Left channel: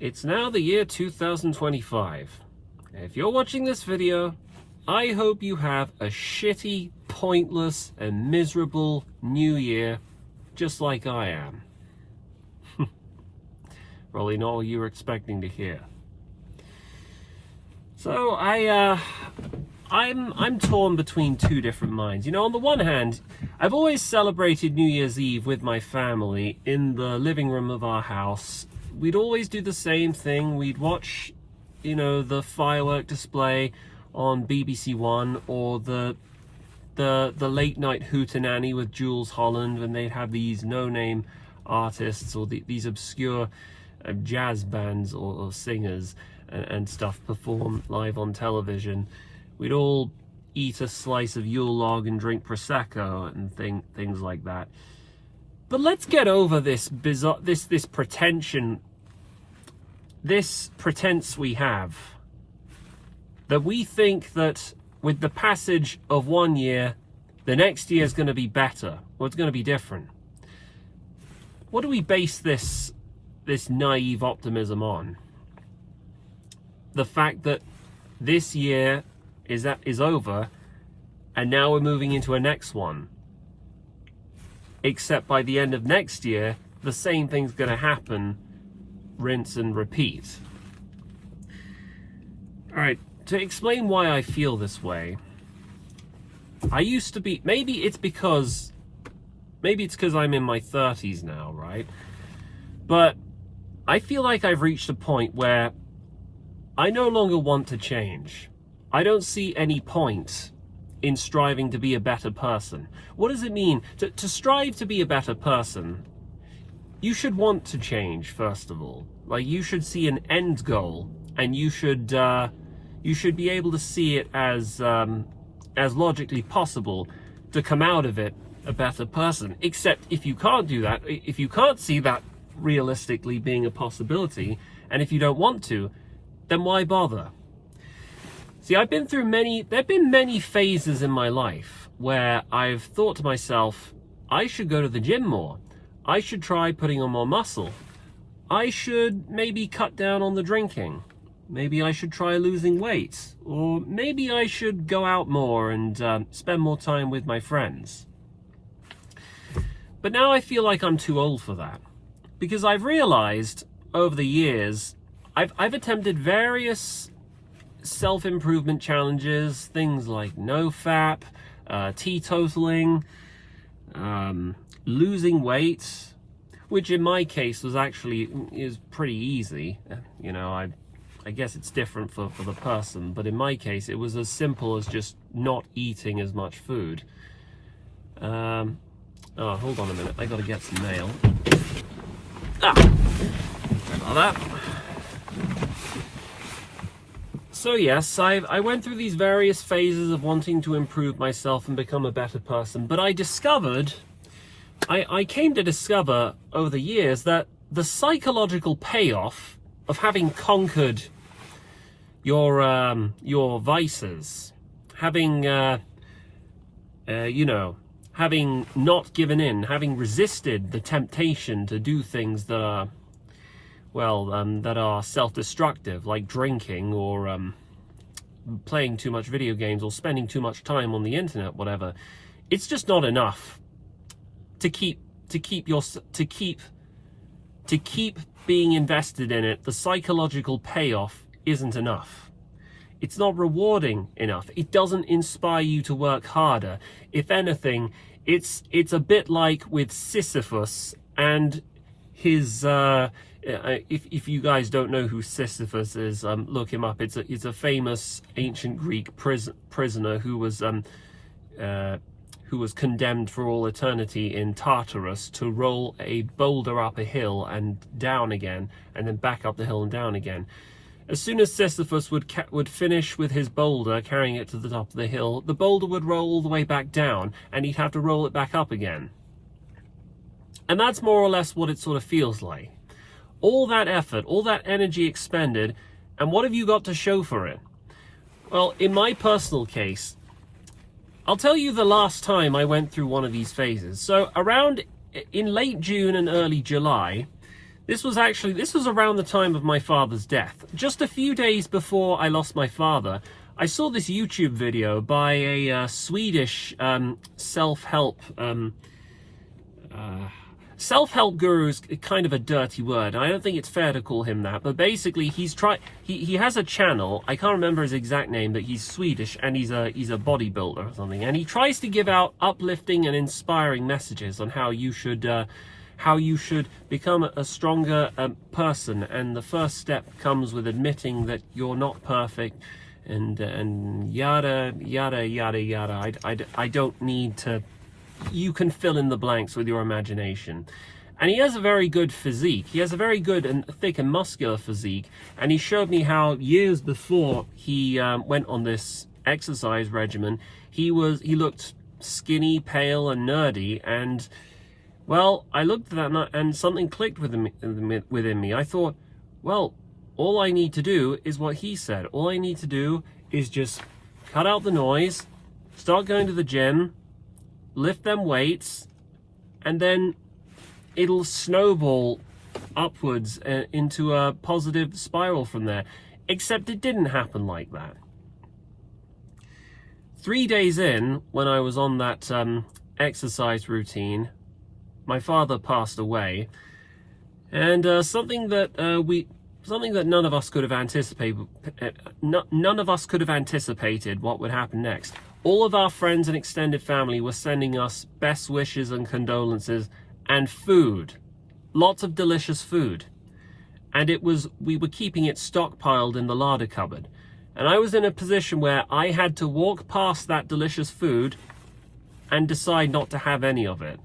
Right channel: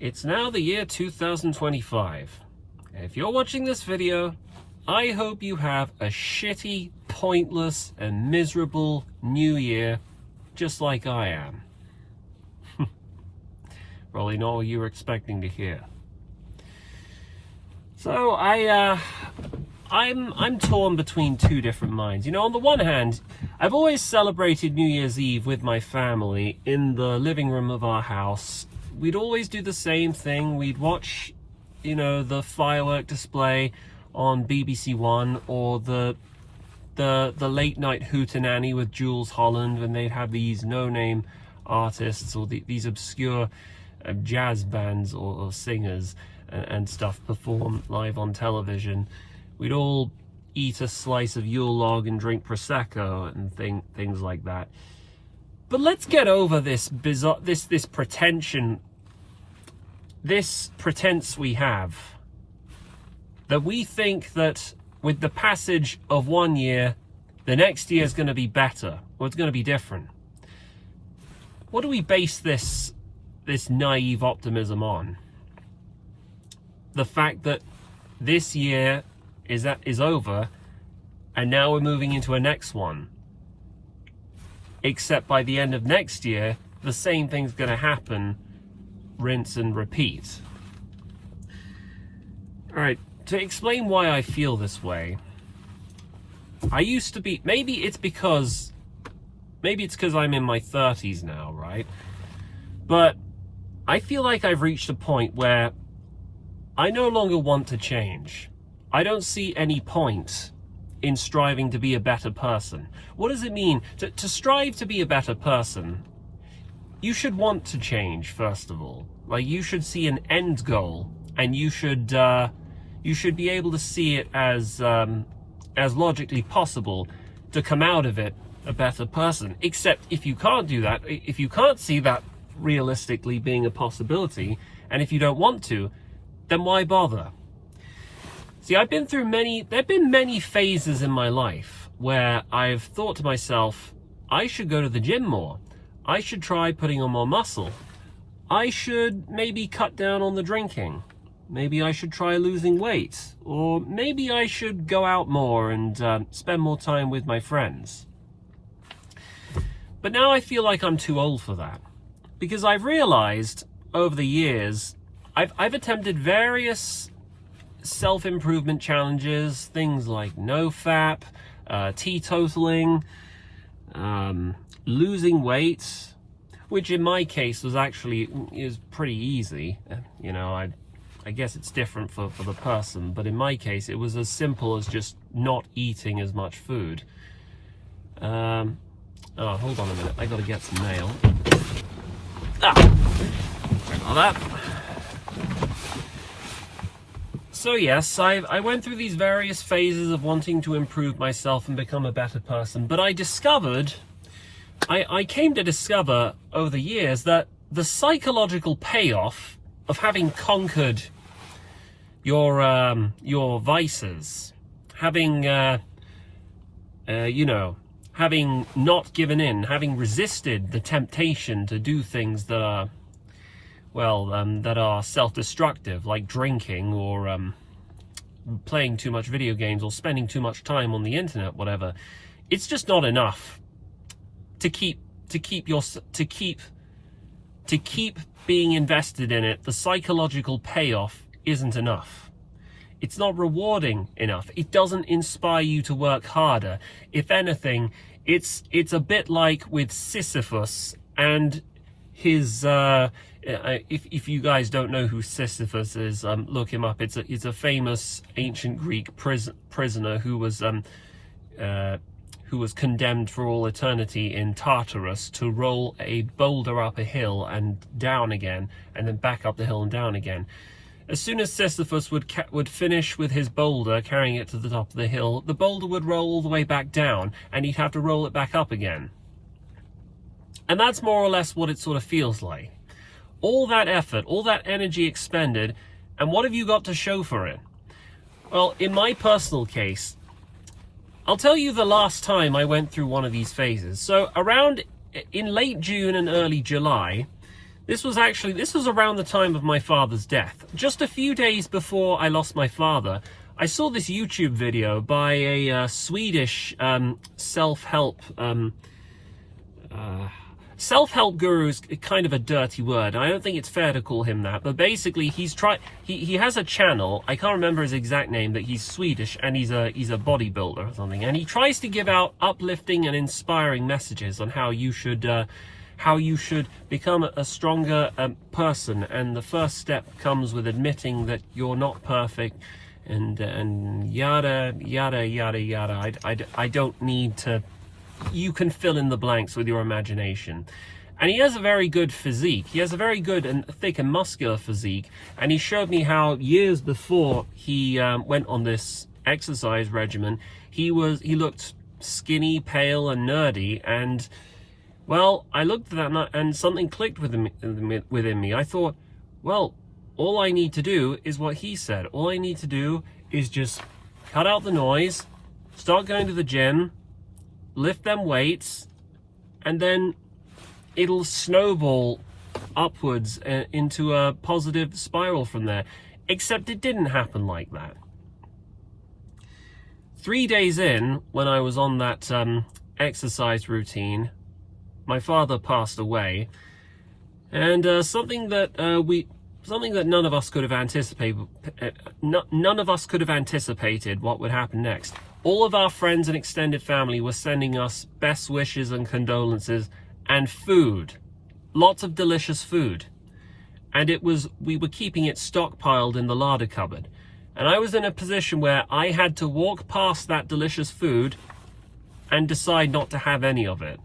It's now the year 2025. And if you're watching this video, I hope you have a shitty, pointless, and miserable new year, just like I am. Probably not what you were expecting to hear. So I'm torn between two different minds. You know, on the one hand, I've always celebrated New Year's Eve with my family in the living room of our house. We'd always do the same thing. We'd watch, you know, the firework display on BBC One, or the late night hootenanny with Jules Holland, when they'd have these no-name artists or these obscure jazz bands or singers and stuff perform live on television. We'd all eat a slice of Yule log and drink Prosecco and things like that. But let's get over this bizarre, this pretense we have, that we think that with the passage of one year, the next year is going to be better, or it's going to be different. What do we base this naive optimism on? The fact that this year is over, and now we're moving into a next one. Except by the end of next year, the same thing's going to happen, rinse and repeat. All right, to explain why I feel this way, I used to be, maybe it's because I'm in my 30s now, right? But I feel like I've reached a point where I no longer want to change. I don't see any point in striving to be a better person. What does it mean to strive to be a better person? You should want to change, first of all. Like, you should see an end goal, and you should be able to see it as logically possible to come out of it a better person. Except if you can't do that, if you can't see that realistically being a possibility, and if you don't want to, then why bother? See, there've been many phases in my life where I've thought to myself, I should go to the gym more. I should try putting on more muscle. I should maybe cut down on the drinking. Maybe I should try losing weight. Or maybe I should go out more and spend more time with my friends. But now I feel like I'm too old for that. Because I've realized over the years, I've attempted various self-improvement challenges, things like NoFap, teetotaling, losing weight, which in my case is pretty easy. You know, I guess it's different for the person, but in my case, it was as simple as just not eating as much food. Oh, hold on a minute, I gotta get some mail. Sorry about that. So yes, I went through these various phases of wanting to improve myself and become a better person, but I came to discover over the years that the psychological payoff of having conquered your vices, having having not given in, having resisted the temptation to do things that are self-destructive, like drinking or playing too much video games or spending too much time on the internet, whatever. It's just not enough to keep being invested in it. The psychological payoff isn't enough. It's not rewarding enough. It doesn't inspire you to work harder. If anything, it's a bit like with Sisyphus and his if you guys don't know who Sisyphus is, look him up. It's a famous ancient Greek prisoner who was condemned for all eternity in Tartarus to roll a boulder up a hill and down again, and then back up the hill and down again. As soon as Sisyphus would finish with his boulder, carrying it to the top of the hill, the boulder would roll all the way back down, and he'd have to roll it back up again. And that's more or less what it sort of feels like. All that effort, all that energy expended, and what have you got to show for it? Well, in my personal case, I'll tell you the last time I went through one of these phases. So in late June and early July, This was around the time of my father's death. Just a few days before I lost my father, I saw this YouTube video by a Swedish self-help guru is kind of a dirty word. I don't think it's fair to call him that, but basically he has a channel. I can't remember his exact name, but he's Swedish and he's a bodybuilder or something, and he tries to give out uplifting and inspiring messages on how you should become a stronger person, and the first step comes with admitting that you're not perfect, and yada yada yada yada. I don't need to. You can fill in the blanks with your imagination. And he has a very good physique. He has a very good and thick and muscular physique. And he showed me how years before he went on this exercise regimen, he looked skinny, pale, and nerdy. And well, I looked at that and something clicked within me. I thought, well, all I need to do is what he said. All I need to do is just cut out the noise, start going to the gym, lift them weights, and then it'll snowball upwards into a positive spiral from there. Except it didn't happen like that. 3 days in, when I was on that exercise routine, my father passed away, and something that none of us could have anticipated. None of us could have anticipated what would happen next. All of our friends and extended family were sending us best wishes and condolences, and food, lots of delicious food, and we were keeping it stockpiled in the larder cupboard. And I was in a position where I had to walk past that delicious food and decide not to have any of it.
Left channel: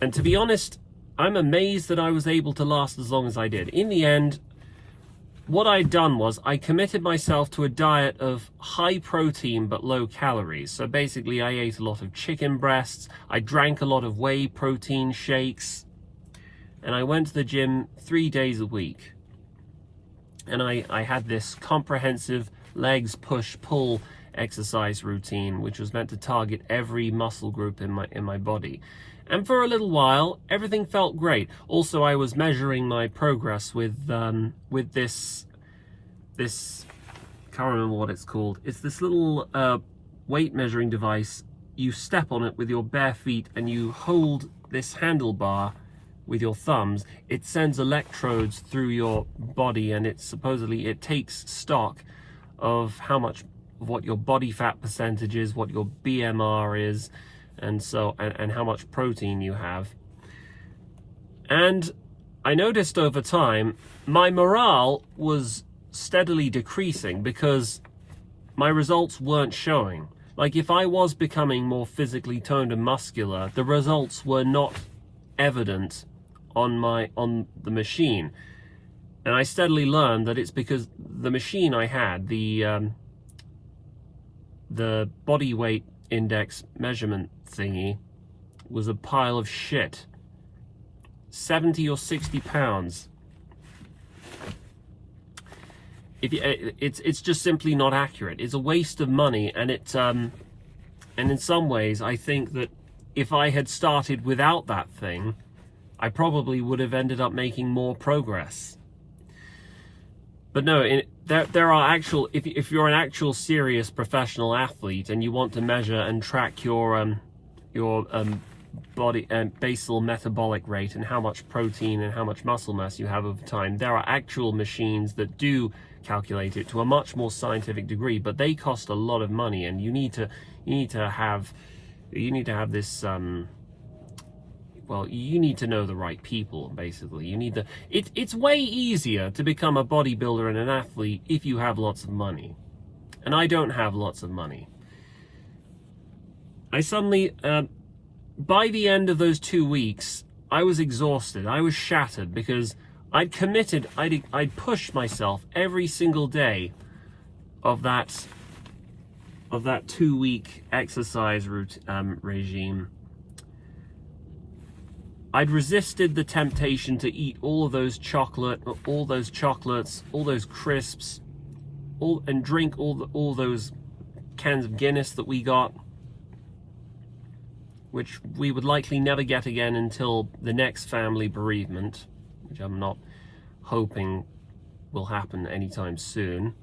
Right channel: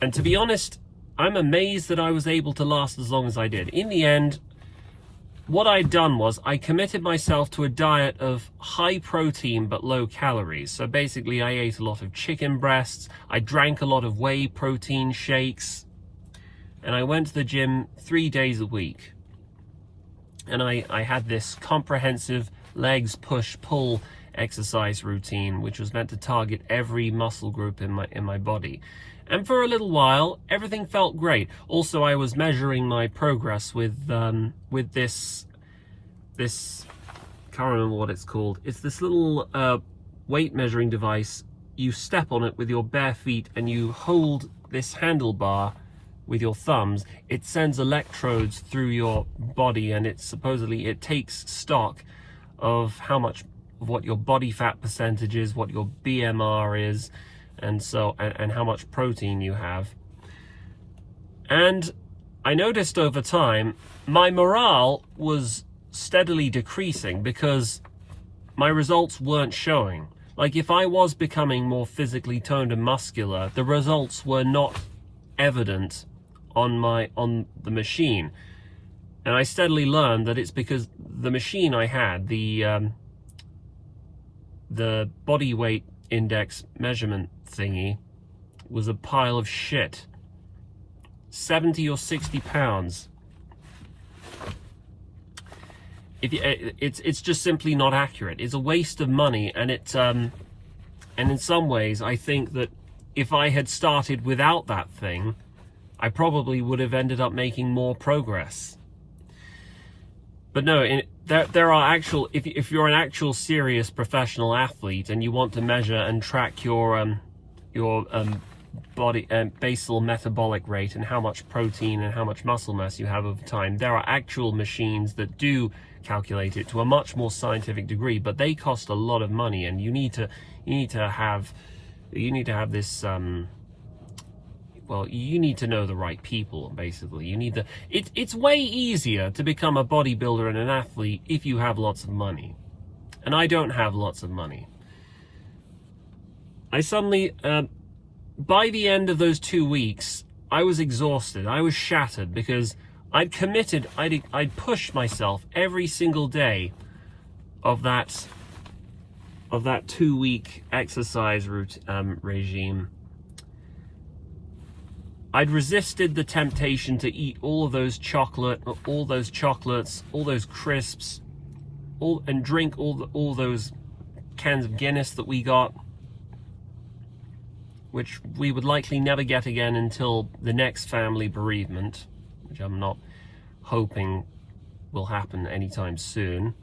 And to be honest, I'm amazed that I was able to last as long as I did. In the end, what I'd done was I committed myself to a diet of high protein but low calories. So basically I ate a lot of chicken breasts, I drank a lot of whey protein shakes, and I went to the gym 3 days a week. And I had this comprehensive legs push-pull exercise routine, which was meant to target every muscle group in my body. And for a little while, everything felt great. Also, I was measuring my progress with this, can't remember what it's called. It's this little weight measuring device. You step on it with your bare feet and you hold this handlebar with your thumbs. It sends electrodes through your body, and it takes stock of what your body fat percentage is, what your BMR is, and how much protein you have. And I noticed over time my morale was steadily decreasing because my results weren't showing. Like, if I was becoming more physically toned and muscular, the results were not evident on the machine. And I steadily learned that it's because the machine I had, the body weight index measurement thingy, was a pile of shit. 70 or 60 pounds. It's just simply not accurate. It's a waste of money, and and in some ways I think that if I had started without that thing, I probably would have ended up making more progress. But no, there are actual, if you're an actual serious professional athlete and you want to measure and track your body basal metabolic rate and how much protein and how much muscle mass you have over time, there are actual machines that do calculate it to a much more scientific degree, but they cost a lot of money, and you need to have this well, you need to know the right people, basically. It's way easier to become a bodybuilder and an athlete if you have lots of money. And I don't have lots of money. I suddenly, by the end of those 2 weeks, I was exhausted. I was shattered because I'd committed, I'd pushed myself every single day of that 2-week exercise regime. I'd resisted the temptation to eat all those chocolates, all those crisps, and drink all those cans of Guinness that we got. which we would likely never get again until the next family bereavement, which I'm not hoping will happen anytime soon.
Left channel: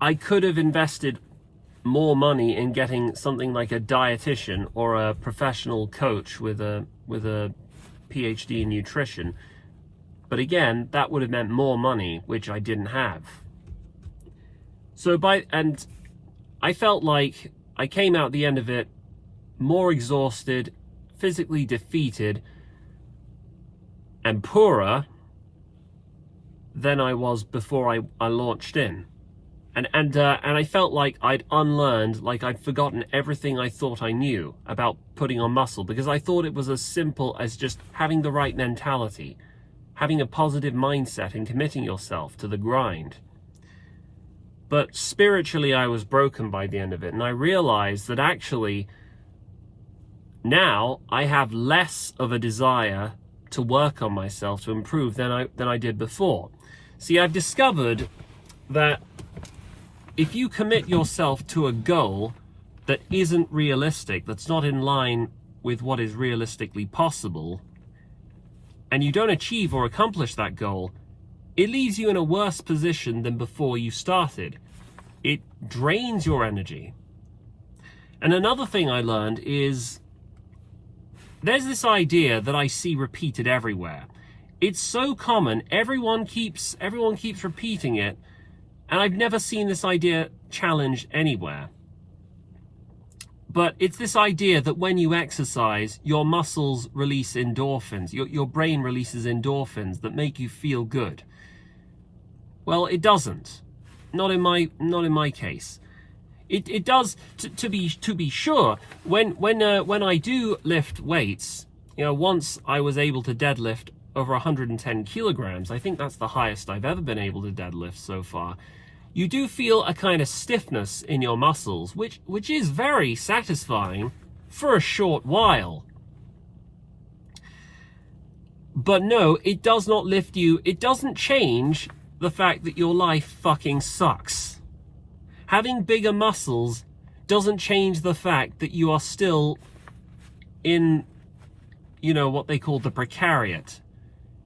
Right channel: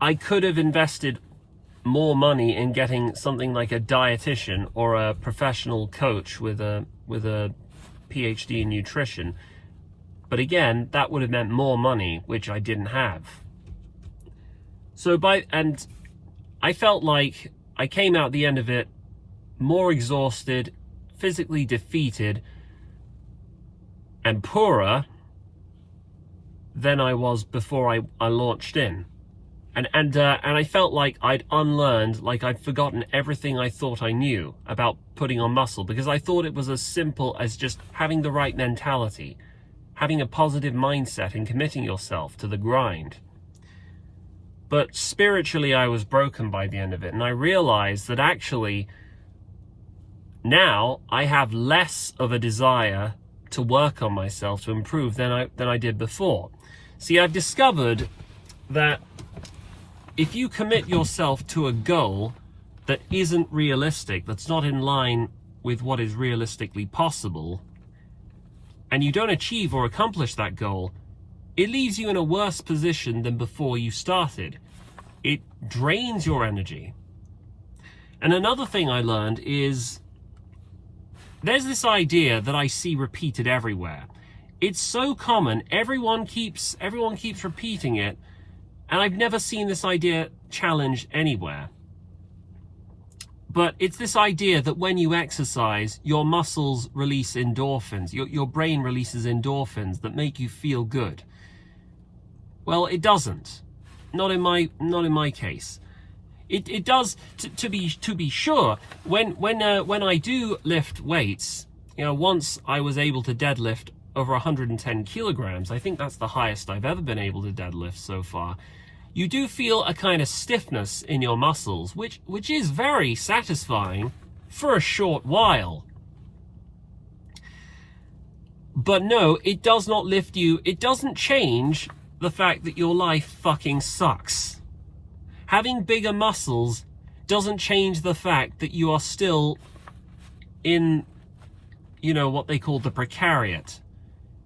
I could have invested more money in getting something like a dietitian or a professional coach with a PhD in nutrition. But again, that would have meant more money, which I didn't have. And I felt like I came out the end of it more exhausted, physically defeated, and poorer than I was before I launched in. And I felt like I'd unlearned, like I'd forgotten everything I thought I knew about putting on muscle, because I thought it was as simple as just having the right mentality, having a positive mindset and committing yourself to the grind. But spiritually, I was broken by the end of it, and I realized that actually now I have less of a desire to work on myself, to improve than I did before. See, I've discovered that if you commit yourself to a goal that isn't realistic, that's not in line with what is realistically possible, and you don't achieve or accomplish that goal, it leaves you in a worse position than before you started. It drains your energy. And another thing I learned is there's this idea that I see repeated everywhere. It's so common, everyone keeps repeating it, and I've never seen this idea challenged anywhere. But it's this idea that when you exercise, your muscles release endorphins. Your brain releases endorphins that make you feel good. Well, it doesn't. Not in my case. It does to be sure. When I do lift weights, once I was able to deadlift over 110 kilograms. I think that's the highest I've ever been able to deadlift so far. You do feel a kind of stiffness in your muscles, which is very satisfying for a short while. But no, it does not lift you. It doesn't change the fact that your life fucking sucks. Having bigger muscles doesn't change the fact that you are still in, what they call the precariat.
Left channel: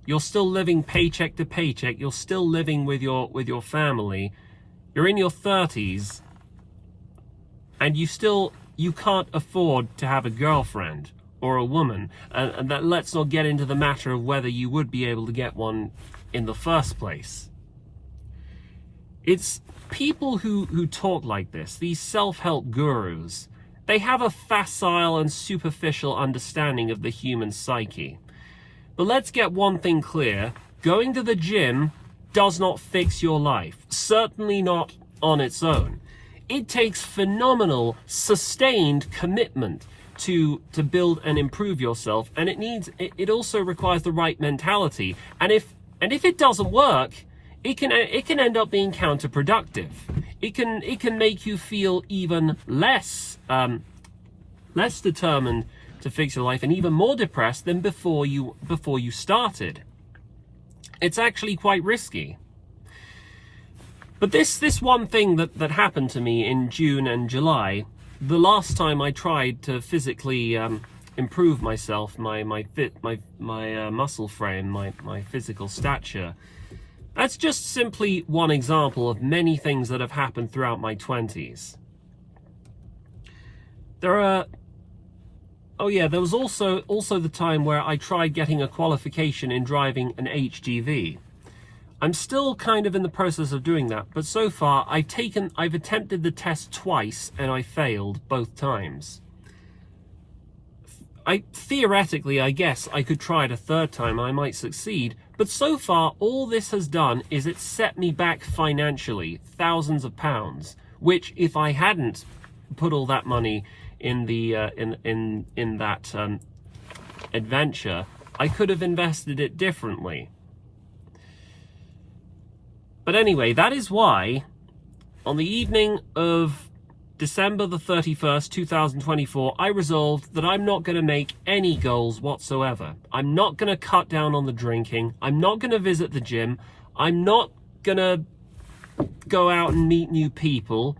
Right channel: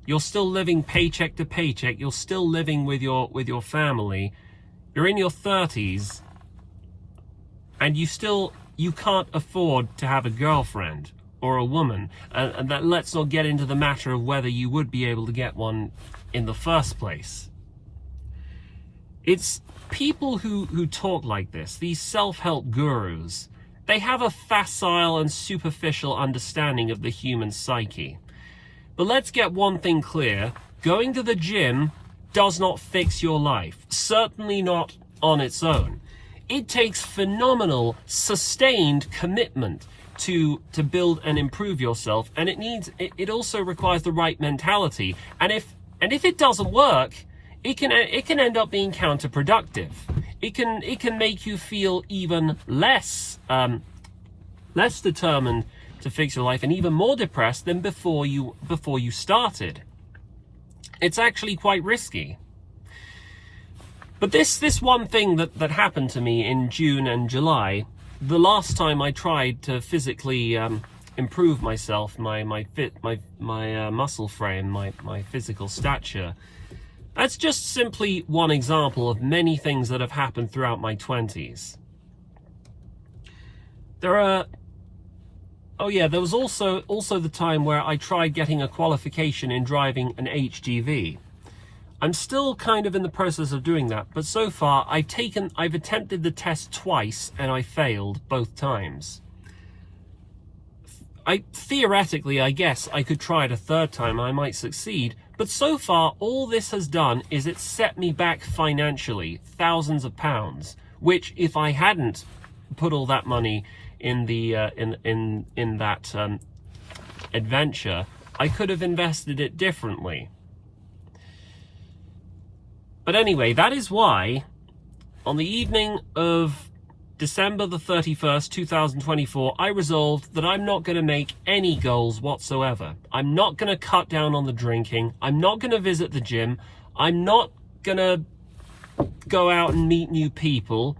You're still living paycheck to paycheck. You're still living with your family. You're in your 30s, and you can't afford to have a girlfriend or a woman. And that, let's not get into the matter of whether you would be able to get one in the first place. It's people who talk like this, these self-help gurus, they have a facile and superficial understanding of the human psyche. But let's get one thing clear. Going to the gym does not fix your life. Certainly not on its own. It takes phenomenal, sustained commitment to build and improve yourself, and it also requires the right mentality. And if it doesn't work, it can end up being counterproductive. It can make you feel even less determined to fix your life, and even more depressed than before you started. It's actually quite risky. But this one thing that happened to me in June and July, the last time I tried to physically improve myself, my muscle frame, my physical stature, that's just simply one example of many things that have happened throughout my 20s. There was also the time where I tried getting a qualification in driving an HGV. I'm still kind of in the process of doing that, but so far I've attempted the test twice and I failed both times. Theoretically, I guess I could try it a third time, I might succeed, but so far all this has done is it set me back financially, thousands of pounds, which if I hadn't put all that money in the in that adventure, I could have invested it differently. But anyway, that is why on the evening of December the 31st, 2024, I resolved that I'm not going to make any goals whatsoever. I'm not going to cut down on the drinking. I'm not going to visit the gym. I'm not going to go out and meet new people.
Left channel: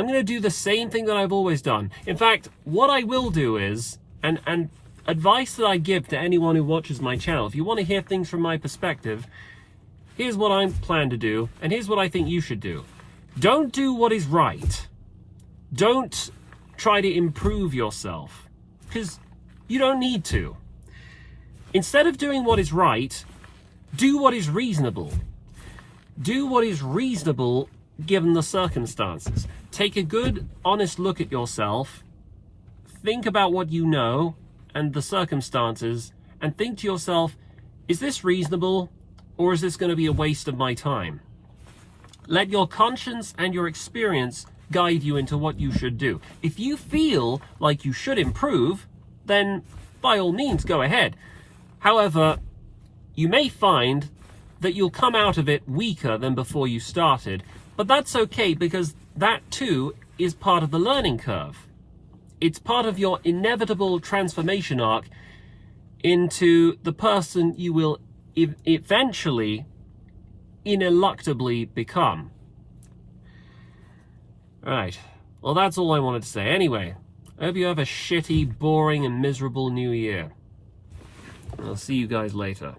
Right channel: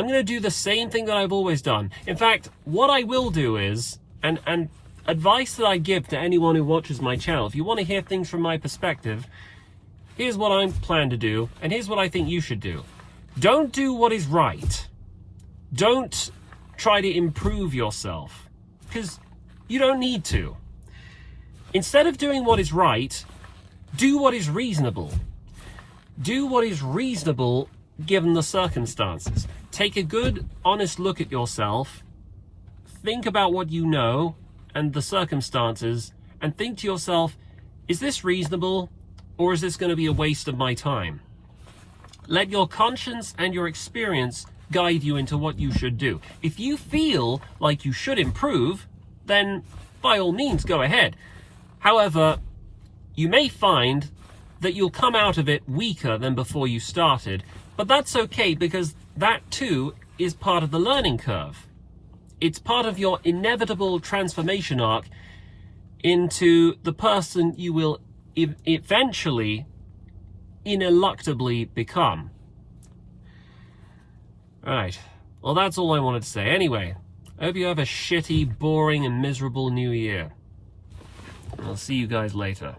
I'm going to do the same thing that I've always done. In fact, what I will do is, and advice that I give to anyone who watches my channel, if you want to hear things from my perspective, here's what I plan to do, and here's what I think you should do. Don't do what is right. Don't try to improve yourself, because you don't need to. Instead of doing what is right, do what is reasonable. Do what is reasonable given the circumstances. Take a good, honest look at yourself. Think about what you know and the circumstances, and think to yourself, is this reasonable, or is this going to be a waste of my time? Let your conscience and your experience guide you into what you should do. If you feel like you should improve, then by all means go ahead. However, you may find that you'll come out of it weaker than before you started, but that's okay, because that too is part of the learning curve. It's part of your inevitable transformation arc into the person you will eventually, ineluctably become. Right. Well, that's all I wanted to say. Anyway, I hope you have a shitty, boring, and miserable new year. I'll see you guys later.